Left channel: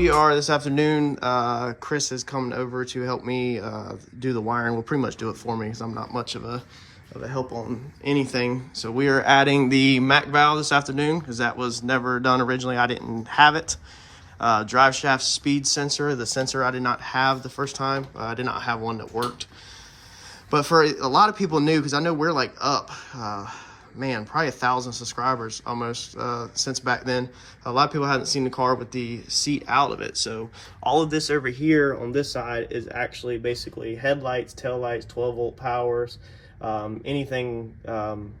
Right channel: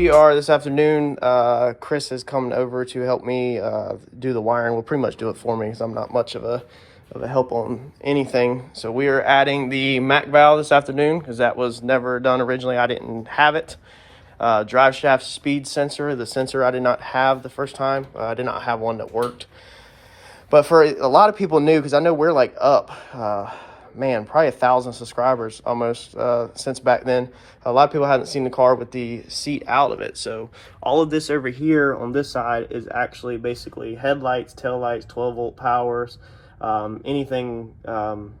we are this afternoon. Chris is coming over to help me do the wiring. Will pretty much do it for me because I'm not much of a help on anything. So we are adding the Mac valve this afternoon because that was never done originally. I didn't have it. Drive shaft speed sensor. The sensor I did not have the first time. I did not have one that worked. But for a lot of people new, because I know we're like up, man, probably 1,000 subscribers almost since back then. A lot of people hadn't seen the car with the seat out of it. So all of this over here on this side is actually basically headlights, taillights, 12-volt powers. Anything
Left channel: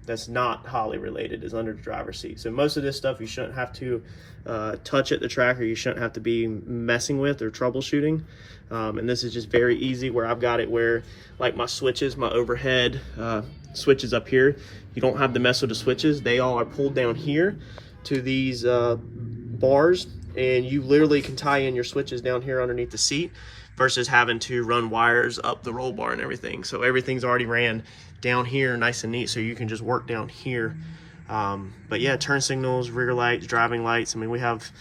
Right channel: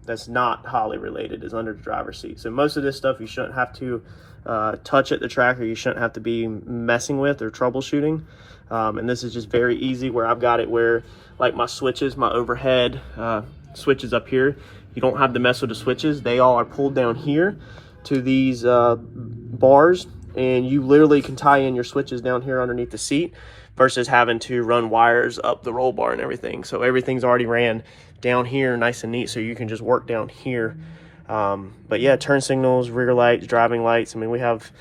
that's not Holley related is under the driver's seat. So most of this stuff you shouldn't have to touch at the track, or you shouldn't have to be messing with or troubleshooting. And this is just very easy where I've got it where like my switches, my overhead switches up here, you don't have to mess with the switches. They all are pulled down here to these bars, and you literally can tie in your switches down here underneath the seat versus having to run wires up the roll bar and everything. So everything's already ran down here nice and neat, so you can just work down here. But yeah, turn signals, rear lights, driving lights. I mean, we have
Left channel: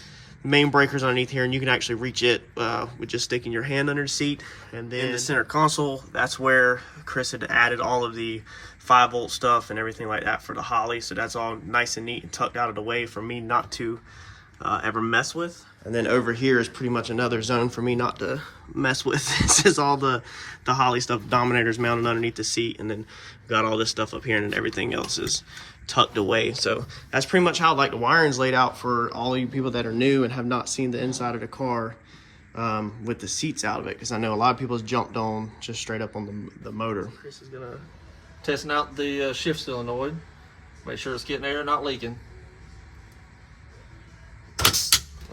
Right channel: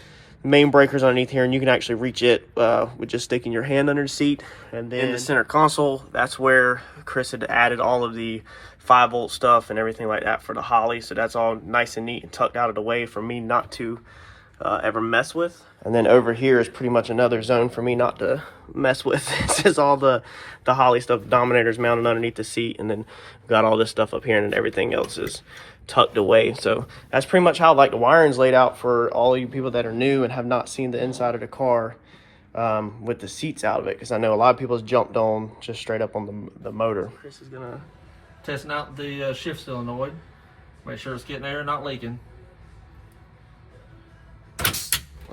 main breakers underneath here, and you can actually reach it with just sticking your hand under the seat. And then in the center console, that's where Chris had added all of the 5-volt stuff and everything like that for the Holley. So that's all nice and neat and tucked out of the way for me not to ever mess with. And then over here is pretty much another zone for me not to mess with. This is all the Holley stuff. Dominator's mounted underneath the seat, and then got all this stuff up here, and then everything else is tucked away. So that's pretty much how like the wiring's laid out for all you people that are new and have not seen the inside of the car with the seats out of it, because I know a lot of people jumped on just straight up on the motor. Chris is gonna testing out the shift solenoid, make sure it's getting air, not leaking.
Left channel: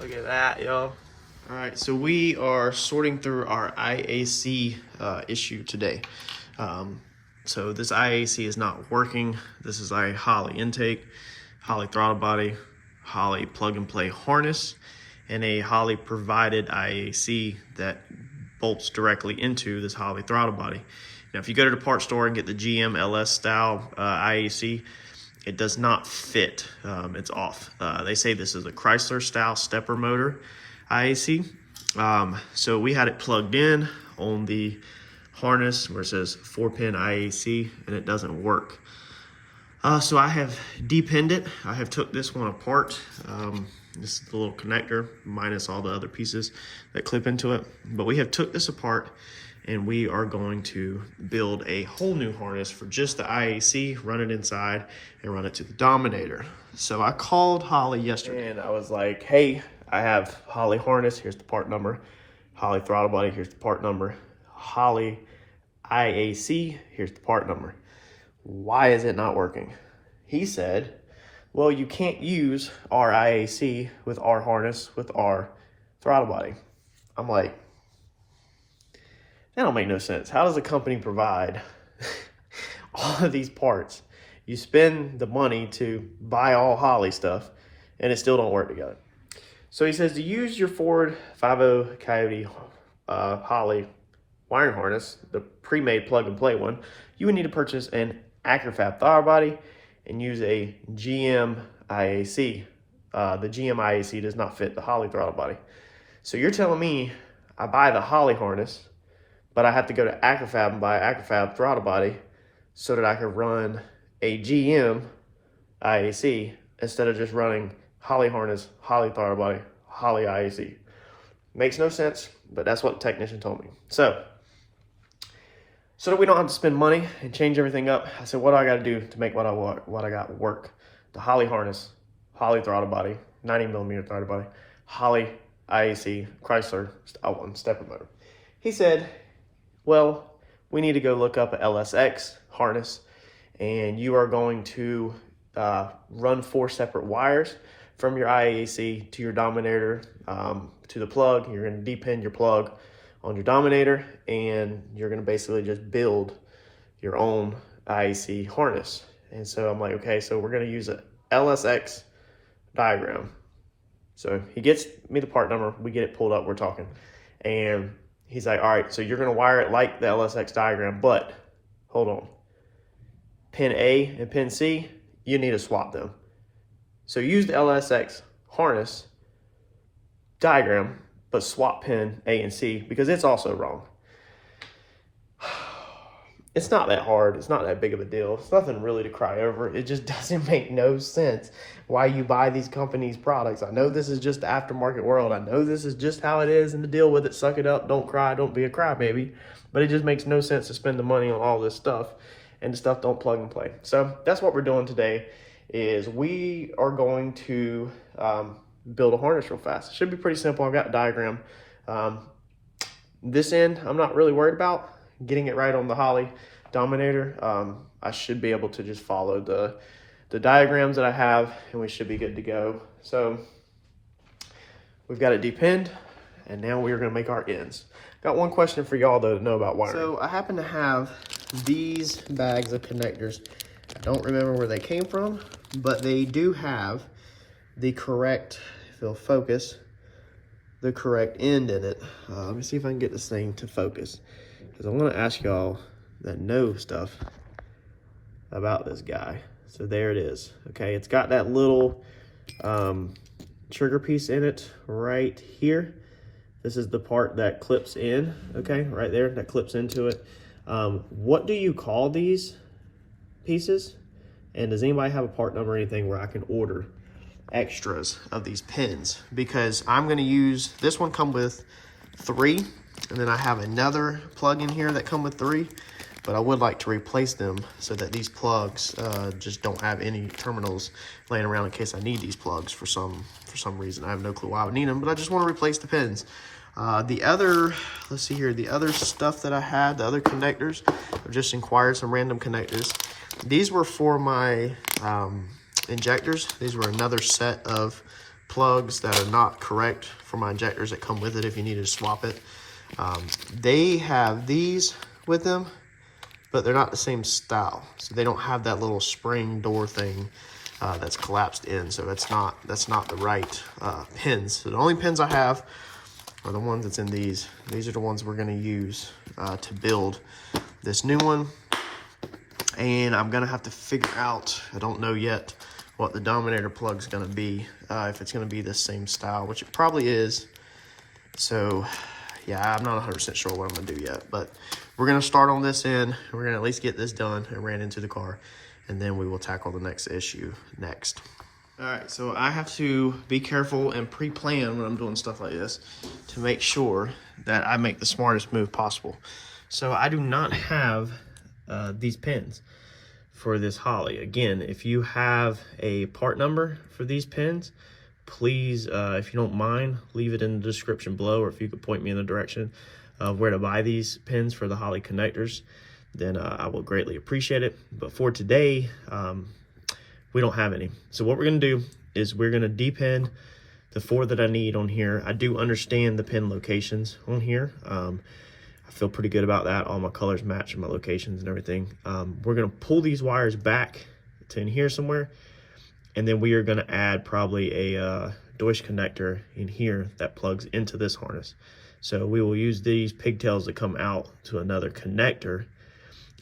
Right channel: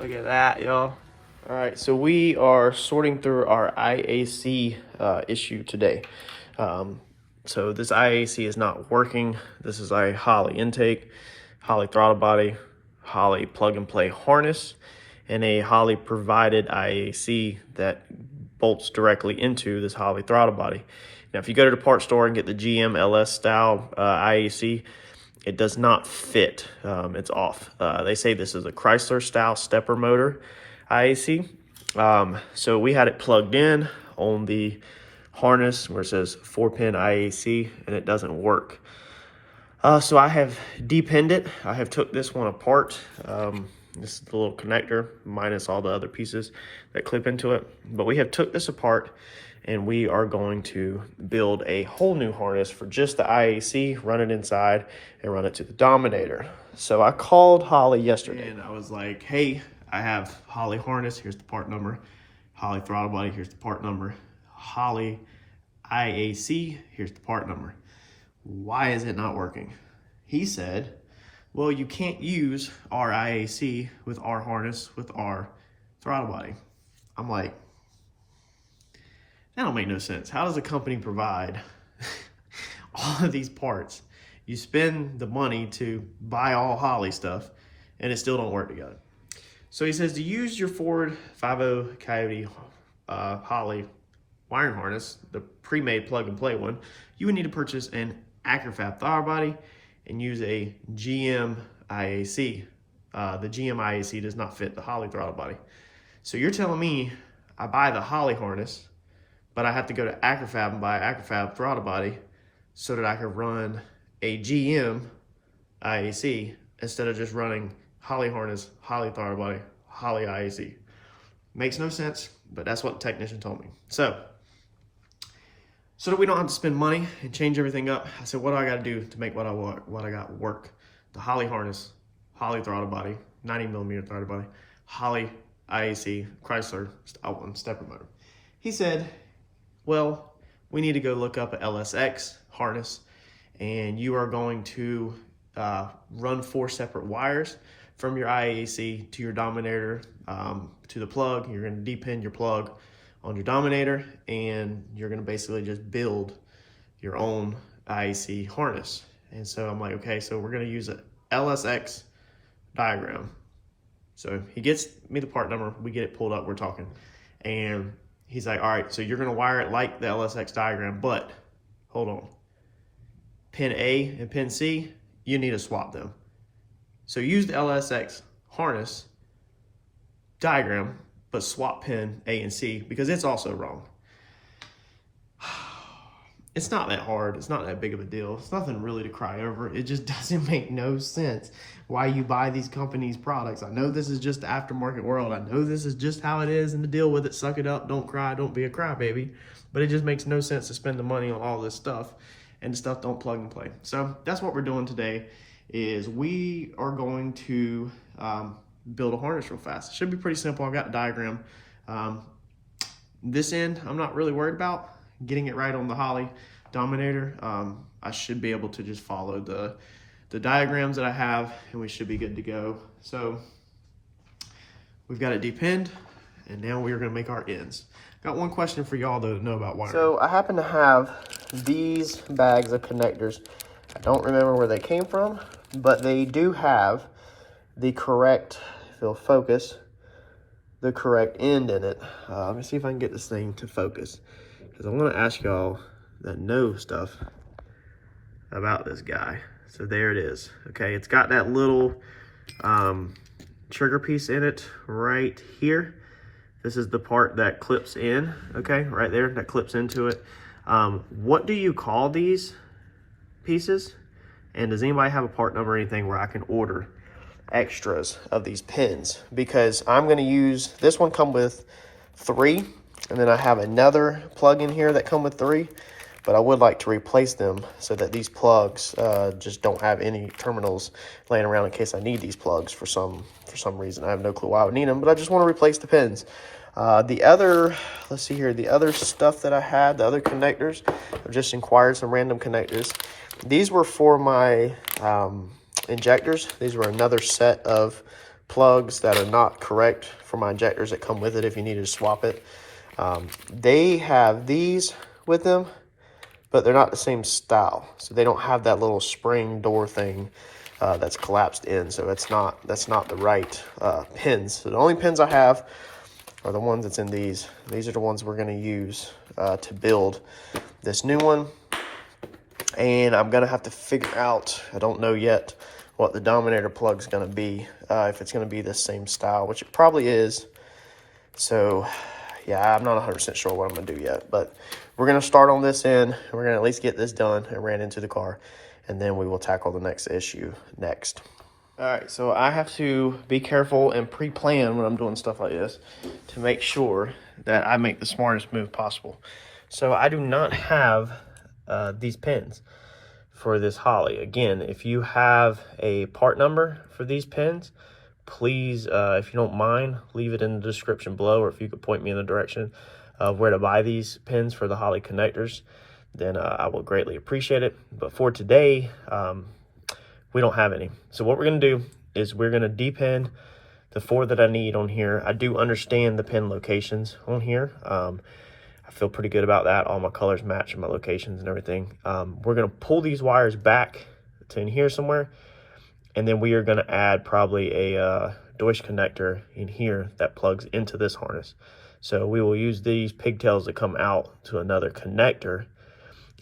Look at that, y'all. All right, so we are sorting through our IAC issue today. So this IAC is not working. This is a Holley intake, Holley throttle body, Holley plug and play harness, and a Holley provided IAC that bolts directly into this Holley throttle body. Now, if you go to the parts store and get the GM LS style IAC, it does not fit. It's off. They say this is a Chrysler style stepper motor IAC. So we had it plugged in on the harness where it says 4-pin IAC, and it doesn't work. So I have depinned it. I have took this one apart. This is the little connector minus all the other pieces that clip into it. But we have took this apart, and we are going to build a whole new harness for just the IAC, run it inside, and run it to the Dominator. So I called Holley yesterday, and I was like, hey, I have Holley harness, here's the part number. Holley throttle body, here's the part number. Holley IAC, here's the part number. Why is it not working? He said, well, you can't use our IAC with our harness with our throttle body. I'm like, that don't make no sense. How does a company provide all of these parts? You spend the money to buy all Holley stuff, and it still don't work together. So he says to use your Ford 50 Coyote Holley wiring harness, the pre-made plug-and-play one, you would need to purchase an AccuFab throttle body and use a GM IAC. The GM IAC does not fit the Holley throttle body. So you're telling me I buy the Holley harness, but I have to go to AccuFab and buy an AccuFab throttle body so that I can run a GM IAC instead of just running Holley harness, Holley throttle body, Holley IAC. Makes no sense, but that's what the technician told me. So that we don't have to spend money and change everything up, I said, what do I got to do to make what I got work? The Holley harness, Holley throttle body, 90mm throttle body, Holley IAC, Chrysler style one stepper motor. He said, well, we need to go look up an LSX harness, and you are going to run 4 separate wires from your IAC to your Dominator to the plug. You're going to depin your plug on your Dominator, and you're going to basically just build your own IAC harness. And so I'm like, okay, so we're going to use a LSX diagram. So he gets me the part number, we get it pulled up, we're talking, and he's like, all right, so you're going to wire it like the LSX diagram, but hold on, pin A and pin C, you need to swap them. So use the LSX harness diagram, but swap pin A and C, because it's also wrong. It's not that hard. It's not that big of a deal. It's nothing really to cry over. It just doesn't make no sense why you buy these companies' products. I know this is just the aftermarket world. I know this is just how it is, and to deal with it, suck it up, don't cry, don't be a crybaby. But it just makes no sense to spend the money on all this stuff, and the stuff don't plug and play. So that's what we're doing today, is we are going to build a harness real fast. It should be pretty simple. I've got a diagram. This end, I'm not really worried about. Getting it right on the Holley Dominator, I should be able to just follow the diagrams that I have, and we should be good to go. So we've got it depinned, and now we're gonna make our ends. Got one question for y'all though to know about wiring. So I happen to have these bags of connectors. I don't remember where they came from, but they do have the correct, if it'll focus, the correct end in it. Let me see if I can get this thing to focus, because I want to ask y'all that know stuff about this guy. So there it is. Okay, it's got that little trigger piece in it right here. This is the part that clips in, okay, right there, that clips into it. What do you call these pieces? And does anybody have a part number or anything where I can order extras of these pins? Because I'm going to use, this one come with 3, and then I have another plug in here that come with 3, but I would like to replace them so that these plugs just don't have any terminals laying around in case I need these plugs for some reason. I have no clue why I would need them, but I just want to replace the pins. The other, let's see here, the other stuff that I had, the other connectors, I've just inquired some random connectors. These were for my injectors. These were another set of plugs that are not correct for my injectors that come with it if you needed to swap it. They have these with them, but they're not the same style. So they don't have that little spring door thing that's collapsed in. So that's not the right pins. So the only pins I have are the ones that's in these. These are the ones we're going to use to build this new one. And I'm going to have to figure out, I don't know yet, what the Dominator plug's going to be. If it's going to be the same style, which it probably is. So yeah, I'm not 100% sure what I'm going to do yet. But we're going to start on this end. We're going to at least get this done and ran into the car. And then we will tackle the next issue next. All right, so I have to be careful and pre-plan when I'm doing stuff like this to make sure that I make the smartest move possible. So I do not have these pins for this Holley. Again, if you have a part number for these pins, please, if you don't mind, leave it in the description below, or if you could point me in the direction of where to buy these pins for the Holley connectors, then I will greatly appreciate it. But for today, we don't have any. So what we're going to do is we're going to depin the 4 that I need on here. I do understand the pin locations on here. I feel pretty good about that. All my colors match my locations and everything. We're going to pull these wires back to in here somewhere, and then we are going to add probably a Deutsch connector in here that plugs into this harness. So we will use these pigtails that come out to another connector,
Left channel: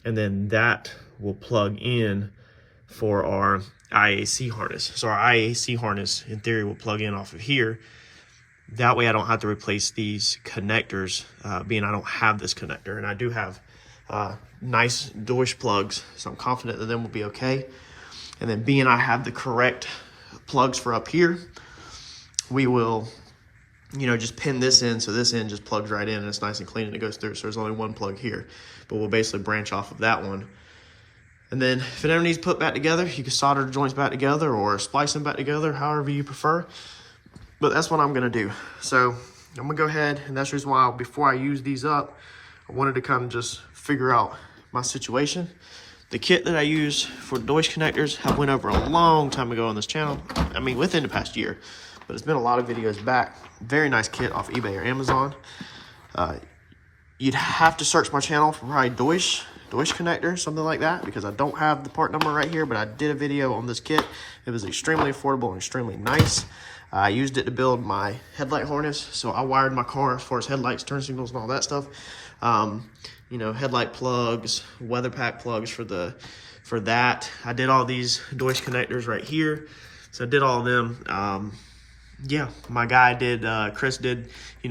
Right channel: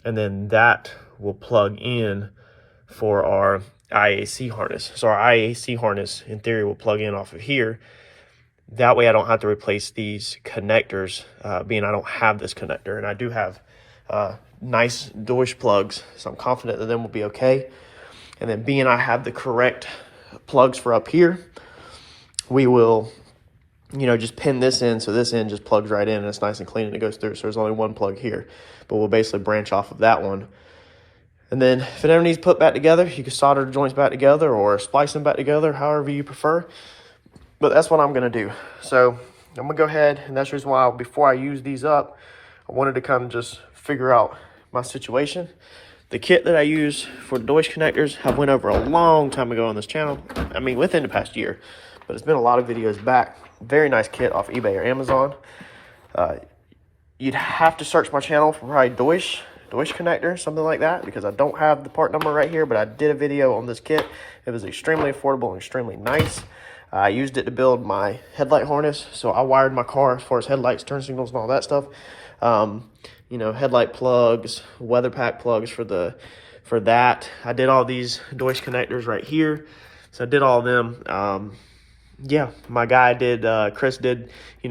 and then that will plug in for our IAC harness. So our IAC harness, in theory, will plug in off of here. That way I don't have to replace these connectors, being I don't have this connector. And I do have nice Deutsch plugs, so I'm confident that them will be okay. And then being I have the correct plugs for up here, we will, you know, just pin this in so this end just plugs right in and it's nice and clean and it goes through. So there's only one plug here, but we'll basically branch off of that one. And then if it ever needs put back together, you can solder the joints back together or splice them back together, however you prefer. But that's what I'm going to do. So I'm going to go ahead, and that's the reason why before I use these up, I wanted to kind of just figure out my situation. The kit that I use for the Deutsch connectors I went over a long time ago on this channel. I mean, within the past year, but it's been a lot of videos back. Very nice kit off eBay or Amazon. You'd have to search my channel for probably Deutsch connector, something like that, because I don't have the part number right here, but I did a video on this kit. It was extremely affordable and extremely nice. I used it to build my headlight harness, so I wired my car as far as headlights, turn signals, and all that stuff. You know, headlight plugs, weather pack plugs for that. I did all these Deutsch connectors right here, so I did all of them. yeah, my guy did, Chris did,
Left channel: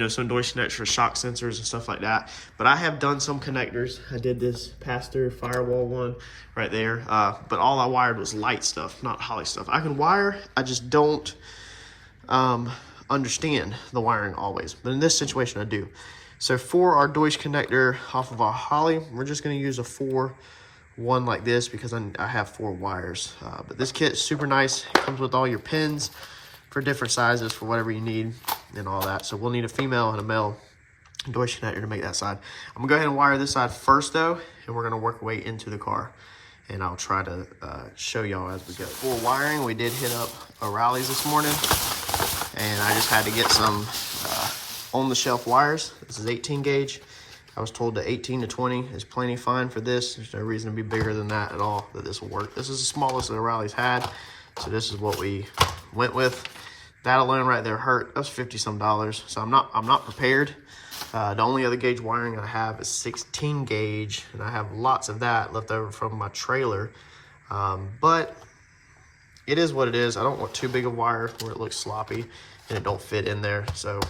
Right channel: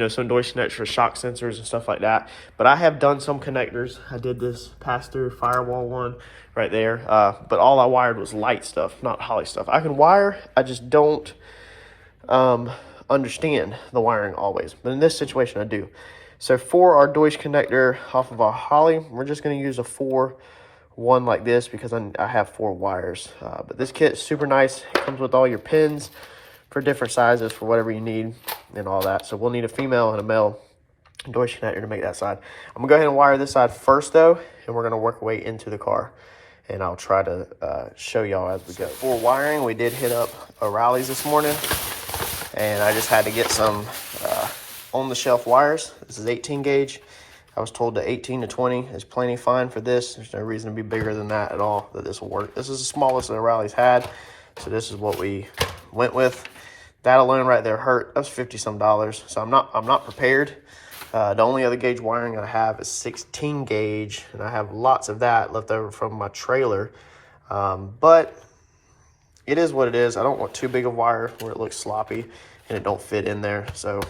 some Deutsch connectors for shock sensors and stuff like that. But I have done some connectors. I did this pass-through firewall one right there. But all I wired was light stuff, not Holley stuff. I can wire, I just don't understand the wiring always. But in this situation, I do. So for our Deutsch connector off of our Holley, we're just going to use a 4-1 like this because I have 4 wires. But this kit is super nice. It comes with all your pins for different sizes for whatever you need and all that. So we'll need a female and a male Deutsch connector to make that side. I'm gonna go ahead and wire this side first though, and we're gonna work our way into the car, and I'll try to show y'all as we go. For wiring, we did hit up O'Reilly's this morning, and I just had to get some on-the-shelf wires. This is 18 gauge. I was told that 18 to 20 is plenty fine for this. There's no reason to be bigger than that at all, that this will work. This is the smallest that O'Reilly's had, so this is what we went with. That alone right there hurt. That's $50-some. So I'm not prepared. The only other gauge wiring I have is 16 gauge, and I have lots of that left over from my trailer. But it is what it is. I don't want too big of wire where it looks sloppy and it don't fit in there. So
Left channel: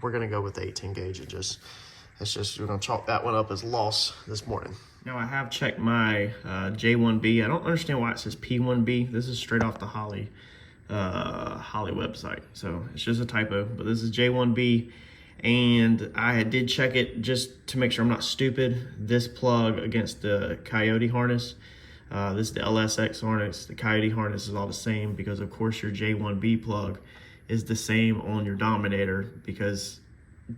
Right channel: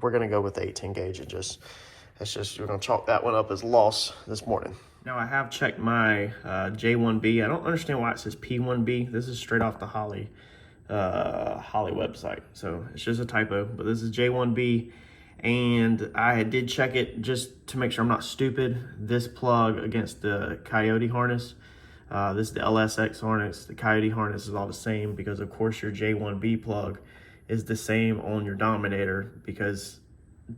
we're gonna go with the 18 gauge. We're gonna chalk that one up as loss this morning. Now I have checked my J1B. I don't understand why it says P1B. This is straight off the Holley website, so it's just a typo, but this is J1B, and I did check it just to make sure I'm not stupid. This plug against the Coyote harness, this is the LSX harness, the Coyote harness is all the same, because of course your J1B plug is the same on your Dominator, because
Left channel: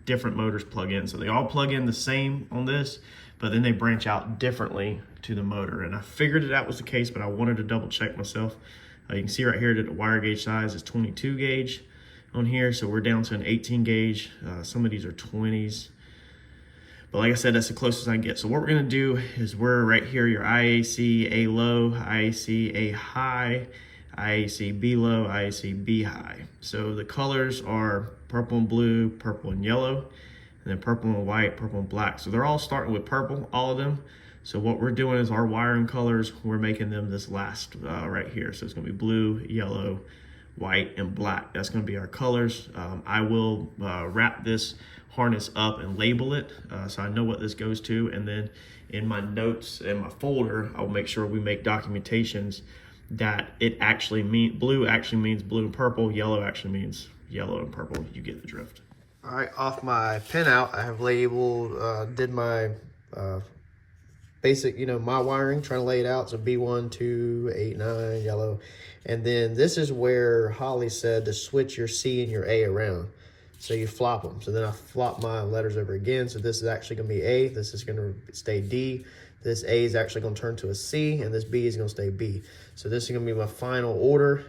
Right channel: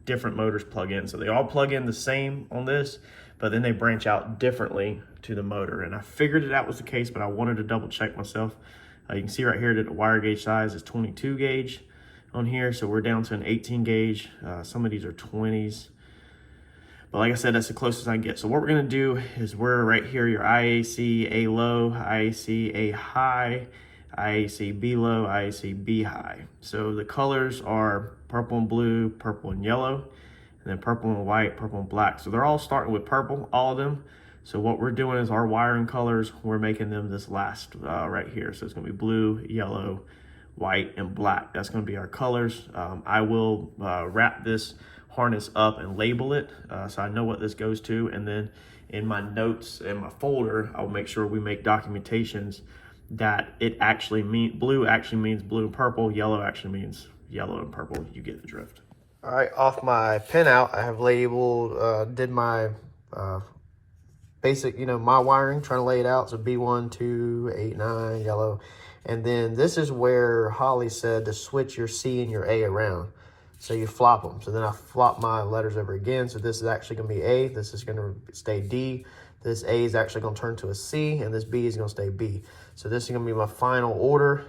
different motors plug in, so they all plug in the same on this, but then they branch out differently to the motor. And I figured that was the case, but I wanted to double check myself. You can see right here that the wire gauge size is 22 gauge on here, so we're down to an 18 gauge. Some of these are 20s, but like I said, that's the closest I can get. So what we're gonna do is we're right here, your IAC A low, IAC A high, IAC B low, IAC B high. So the colors are purple and blue, purple and yellow, and then purple and white, purple and black. So they're all starting with purple, all of them. So what we're doing is our wiring colors, we're making them this last right here. So it's gonna be blue, yellow, white, and black. That's gonna be our colors. I will wrap this harness up and label it so I know what this goes to. And then in my notes in my folder, I'll make sure we make documentations that it actually blue actually means blue and purple, yellow actually means yellow and purple. You get the drift. All right, off my pinout, I have labeled, did my basic, my wiring, trying to lay it out. So B1, 2, 8, 9, yellow. And then this is where Holley said to switch your C and your A around. So you flop them. So then I flop my letters over again. So this is actually gonna be A, this is gonna stay D. This A is actually gonna turn to a C, and this B is gonna stay B. So this is gonna be my final order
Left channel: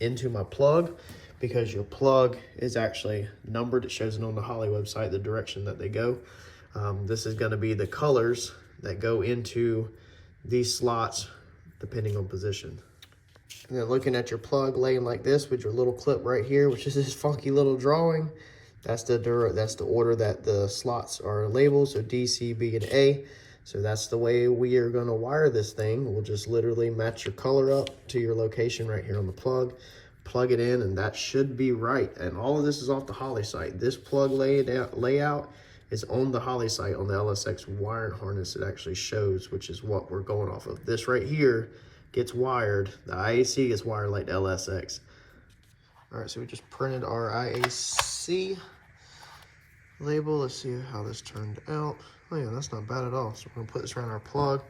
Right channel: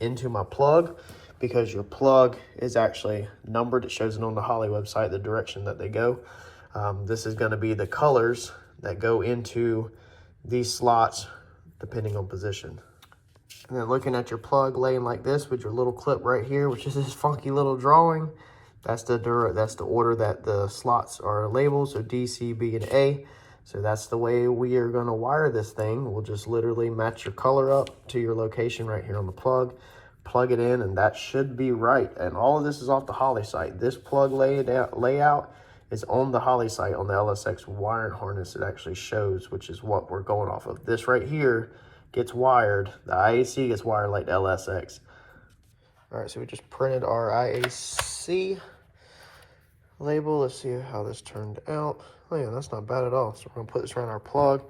into my plug, because your plug is actually numbered. It shows it on the Holley website, the direction that they go. This is gonna be the colors that go into these slots depending on position. And then looking at your plug laying like this with your little clip right here, which is this funky little drawing, that's the order that the slots are labeled. So D, C, B, and A. So that's the way we are gonna wire this thing. We'll just literally match your color up to your location right here on the plug it in, and that should be right. And all of this is off the Holley site. This plug layout is on the Holley site, on the LSX wiring harness. It actually shows, which is what we're going off of. This right here gets wired, the IAC gets wired like the LSX. All right, so we just printed our IAC label. Let's see how this turned out. Oh yeah, that's not bad at all. So we're gonna put this around our plug.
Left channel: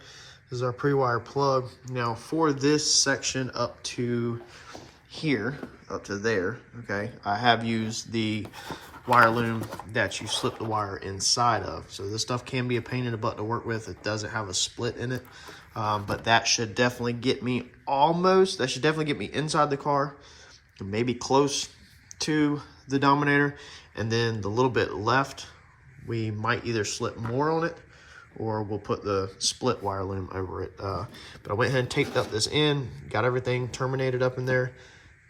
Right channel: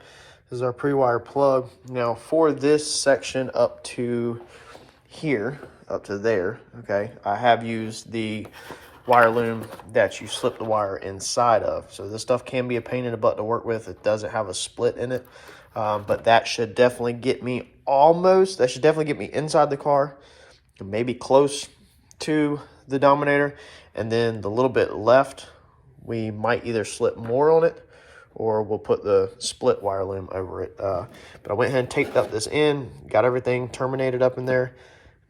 This is our pre-wire plug. Now for this section up to here, up to there, okay, I have used the wire loom that you slip the wire inside of. So this stuff can be a pain in the butt to work with. It doesn't have a split in it, but that should definitely get me inside the car, maybe close to the Dominator. And then the little bit left, we might either slip more on it or we'll put the split wire loom over it. But I went ahead and taped up this end, got everything terminated up in there,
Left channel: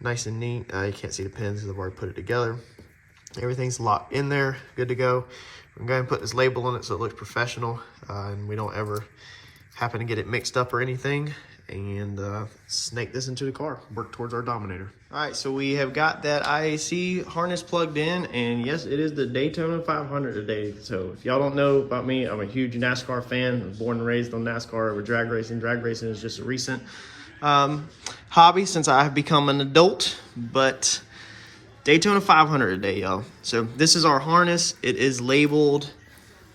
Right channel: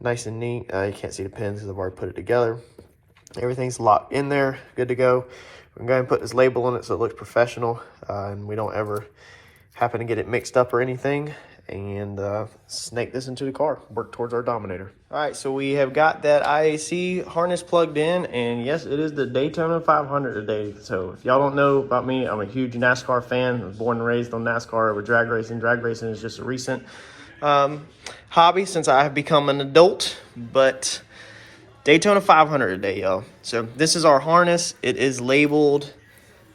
nice and neat. You can't see the pins because I've already put it together. Everything's locked in there, good to go. I'm going to put this label on it so it looks professional and we don't ever happen to get it mixed up or anything. and snake this into the car, work towards our Dominator. All right, so we have got that IAC harness plugged in, and yes, it is the Daytona 500 today. So if y'all don't know about me, I'm a huge NASCAR fan. I was born and raised on NASCAR over drag racing. Drag racing is just a recent hobby since I have become an adult, but Daytona 500 today, y'all. So this is our harness. It is labeled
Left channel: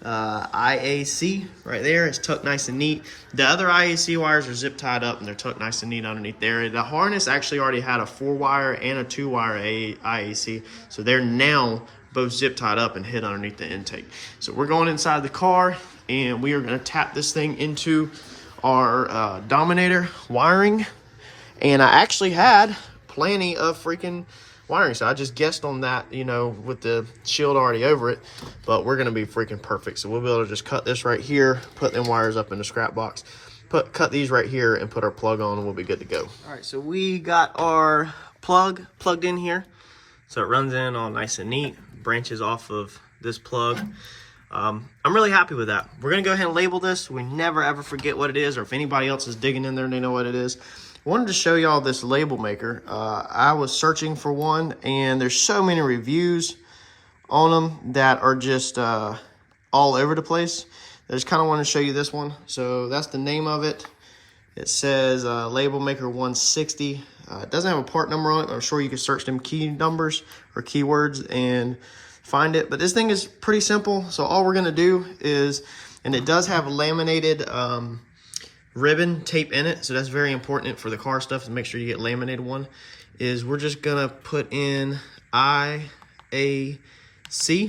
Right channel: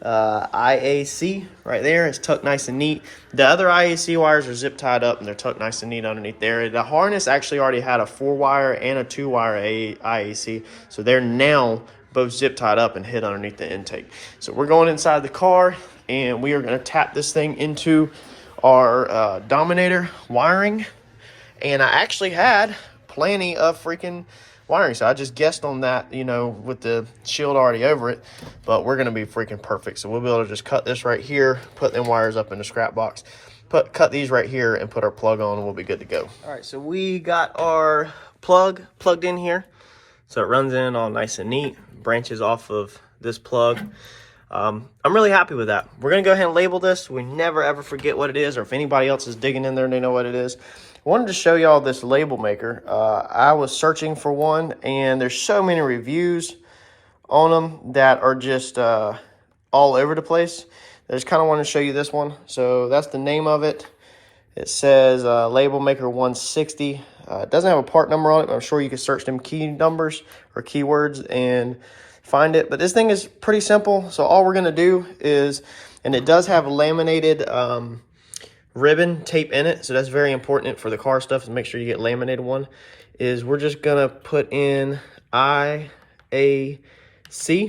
IAC right there. It's tucked nice and neat. The other IAC wires are zip tied up and they're tucked nice and neat underneath there. The harness actually already had a 4-wire and a 2-wire IAC, so they're now both zip tied up and hid underneath the intake. So we're going inside the car and we are going to tap this thing into our Dominator wiring. And I actually had plenty of freaking wiring, so I just guessed on that, you know, with the shield already over it, but we're going to be freaking perfect. So we'll be able to just cut this right here, put them wires up in the scrap box, cut these right here and put our plug on, and we'll be good to go. All right, so we got our plug plugged in here, so it runs in all nice and neat, branches off of this plug. I'm really happy with that. We're going to go ahead and label this. We never ever forget what it is, or if anybody else is digging in there and they know what it is. I wanted to show y'all this label maker. I was searching for one, and there's so many reviews on them that are just all over the place. I just kind of want to show you this one. So that's the name of it. It says Label Maker 160. It doesn't have a part number on it, but I'm sure you can search them key numbers or keywords and find it. But this thing is pretty simple. So all we're going to do is, and it does have laminated ribbon tape in it, so that's very important for the car stuff, to make sure you get laminated one, is we're just gonna put in IAC. You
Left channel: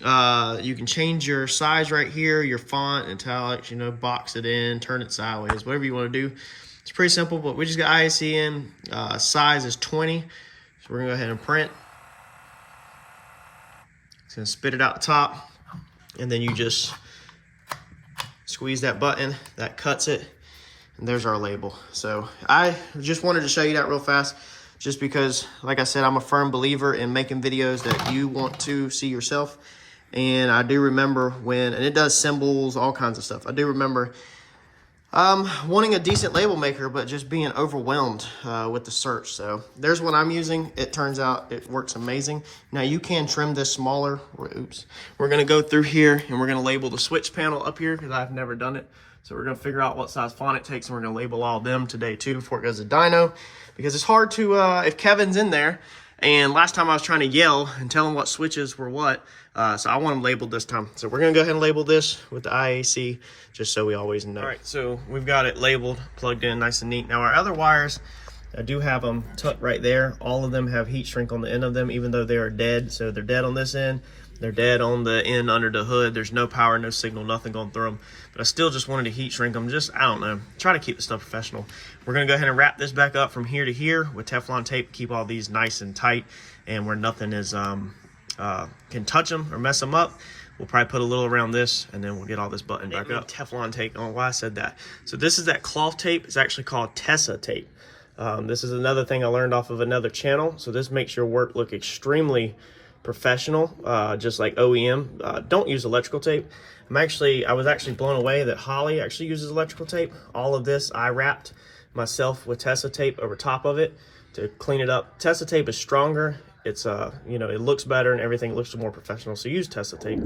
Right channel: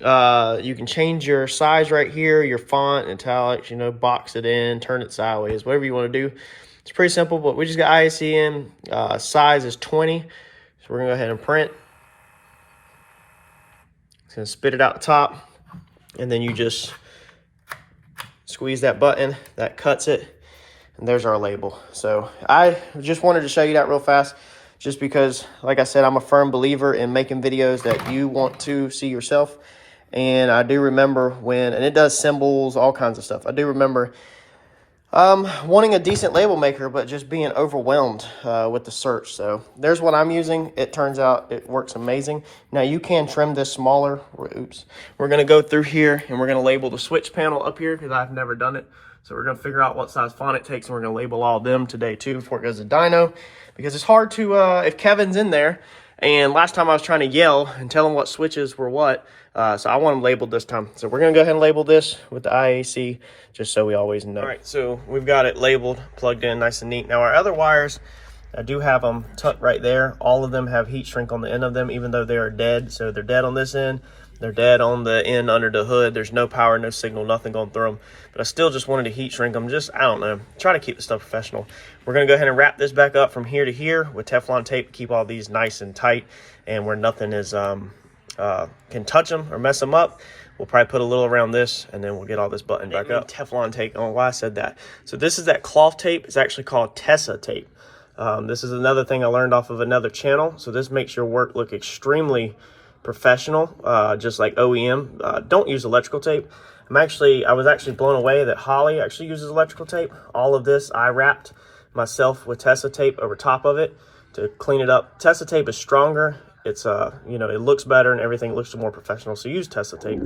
can change your size right here, your font, italics, you know, box it in, turn it sideways, whatever you want to do. It's pretty simple, but we just got IAC in. Size is 20, so we're gonna go ahead and print. It's gonna spit it out the top, and then you just squeeze that button, that cuts it, and there's our label. So I just wanted to show you that real fast, just because, like I said, I'm a firm believer in making videos that you want to see yourself. And I do remember when, and it does symbols, all kinds of stuff. I do remember wanting a decent label maker, but just being overwhelmed with the search. So there's what I'm using. It turns out it works amazing. Now you can trim this smaller. Oops. We're going to go through here and we're going to label the switch panel up here because I've never done it. So we're going to figure out what size font it takes, and we're going to label all of them today too before it goes to dyno, because it's hard to, if Kevin's in there, and last time I was trying to yell and tell him what switches were what, so I want them labeled this time. So we're going to go ahead and label this with the IAC, just so we always know. All right, so we've got it labeled, plugged in nice and neat. Now our other wires, I do have them tucked right there. All of them have heat shrink on the end of them, even though they are dead. So they're dead on this end. They're dead on the end under the hood. There's no power, no signal, nothing going through them. But I still just wanted to heat shrink them. Just, I don't know, try to keep the stuff professional. We're going to go ahead and wrap this back up from here to here with Teflon tape to keep all these nice and tight, and where nothing is can touch them or mess them up. We'll probably put a little around this, and then we'll get all this button back up. Teflon tape. I don't know why I said that. So this is that cloth tape. It's actually called Tessa tape. This is another thing I learned off of another channel. So this makes your work look extremely professional, just like OEM. Don't use electrical tape. I was actually blown away that Holley actually uses electrical tape. All of this I wrapped myself with Tessa tape over top of it to clean it up. Tessa tape is stronger. It's you know, it looks better and everything looks more professional. So use Tessa tape.